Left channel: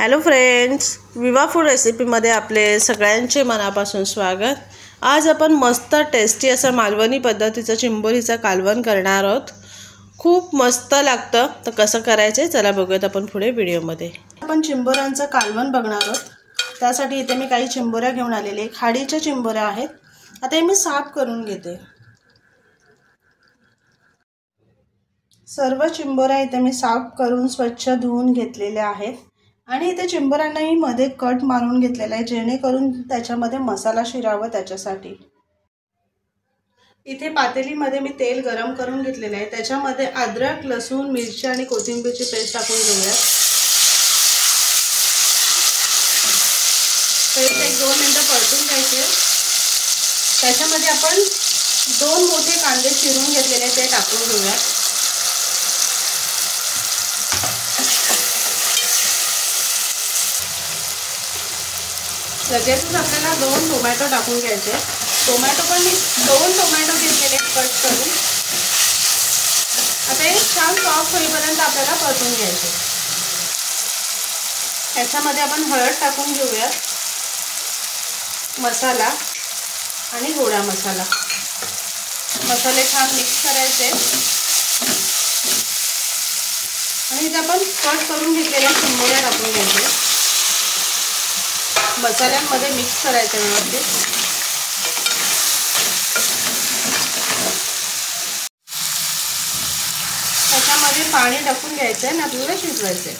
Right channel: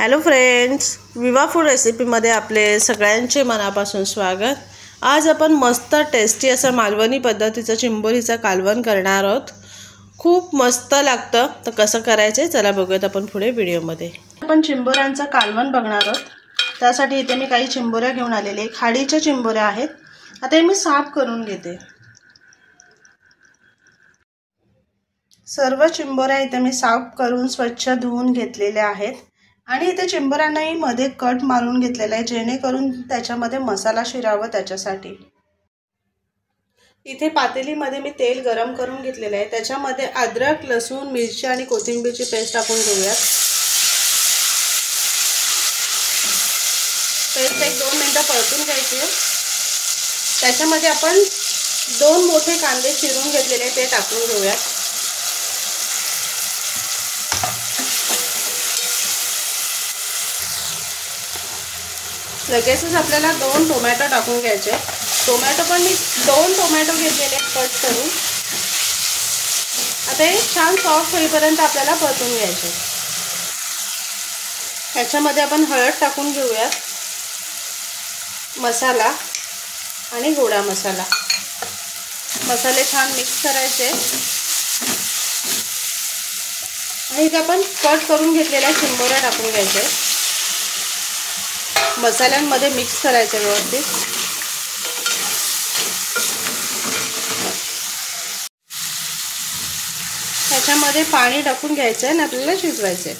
Hello friends, विवा food रेसिपीमध्ये आपले सगळ्यांचे मनापासून स्वागत। आज आपण मस्त टेस्टी असं मालवणी पद्धतीचं चिंबोरीचं कालवण करणार आहोत। खूप मस्त लागतं। तर कसं करायचं चला बघूयात आपण पुढे व्हिडिओमध्ये। आपण चिंबोऱ्यांचं कालवण बघणार आहोत। त्यासाठी इथे मी काही चिंबोऱ्या घेऊन आलेले, खाडीच्या चिंबोऱ्या आहेत। आता हे मी साफ करून घेते। सर्व चिंबोऱ्या इथे मी साफ करून स्वच्छ धुवून घेतलेल्या आहेत आणि इथे चिंबोऱ्यांनाही मध्ये कट मारून घेतलेला आहे, जेणेकरून त्याच्यामध्ये मसाला शिरावा त्याच्यासाठी। इथे पातेलीमध्ये मी तेल गरम करून घेतलेलं आहे। त्याच्यामध्ये अद्रक, लसूण, मिरची आणि कोथिंबीरची पेस्ट टाकून घेऊया। पेस्ट 1-2 मिनिटं परतून घ्यायची। त्याच्यामध्ये आपण 2 मोठे कांदे चिरून घेतलेले ते टाकून घेऊया। लगेचच आपल्याला 2 टोमॅटो टाकून घ्यायचे। टोमॅटो पण मी 2 टोमॅटो घेतलेले कट करून। आता हे छान सॉफ्ट होईपर्यंत आपल्याला परतून घ्यायचे। त्याच्यामध्ये आपण हळद टाकून घेऊया, मसाला आणि गोडा मसाला। मसाले छान मिक्स करायचे आणि इथे आपण कट करून घेतलेल्या चिंबोऱ्या टाकून घ्यायचे। मसाल्यांमध्ये मिक्स करायचं व्यवस्थित। त्याच्यामध्ये पाणी टाकून घ्यायचं आणि आपल्याला शिजवायचं।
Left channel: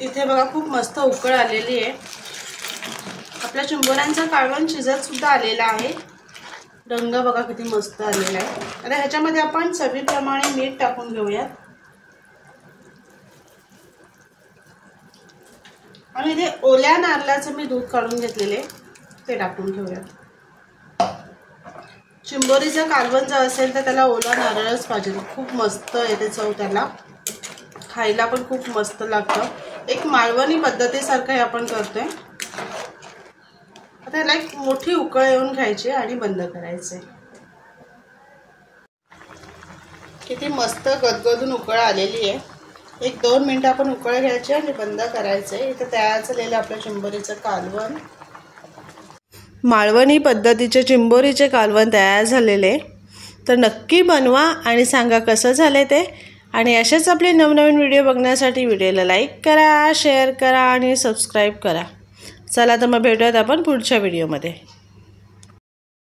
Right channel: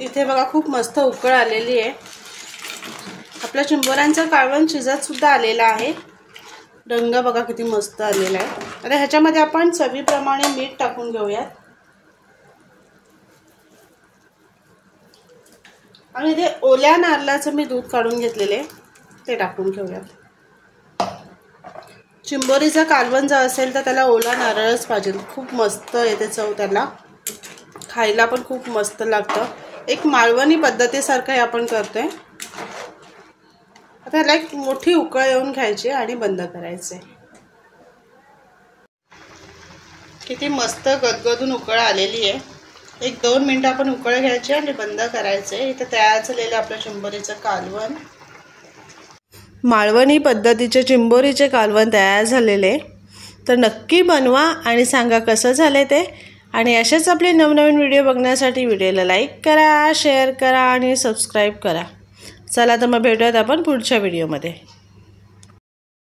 इथे बघा खूप मस्त उकळ आलेली आहे। आपल्या चिंबोऱ्यांचं कालवण शिजत सुद्धा आलेला आहे। रंग बघा किती मस्त आलेला आहे। आता ह्याच्यामध्ये आपण चवीप्रमाणे मीठ टाकून घेऊया आणि इथे ओल्या नारळाचं मी दूध काढून घेतलेले ते टाकून घेऊया। चिंबोरीचा कालवण जर असेल तर त्याला ओला नारळच पाहिजे। खूप मस्त येते चव, त्याला खायला पण खूप मस्त लागतं। एक मालवणी पद्धतीसारखं हे आपण करतोय। आता याला एक मोठी उकळ येऊन घ्यायची आणि बंद करायचे। किती मस्त गदगदून उकळ आलेली आहे। 1-2 मिनिटं आपण उकळ घ्यायचे आणि बंद करायचे। इथे तयार झालेलं आपलं चिंबोरीचं कालवण, मालवणी पद्धतीचे चिंबोरीचे कालवण तयार झालेले। तर नक्की बनवा आणि सांगा कसं झाले ते। आणि असेच आपले नवनवीन व्हिडिओ बघण्यासाठी व्हिडिओला लाईक करा, शेअर करा आणि सबस्क्राईब करा। चला तर मग भेटूयात आपण पुढच्या व्हिडिओमध्ये।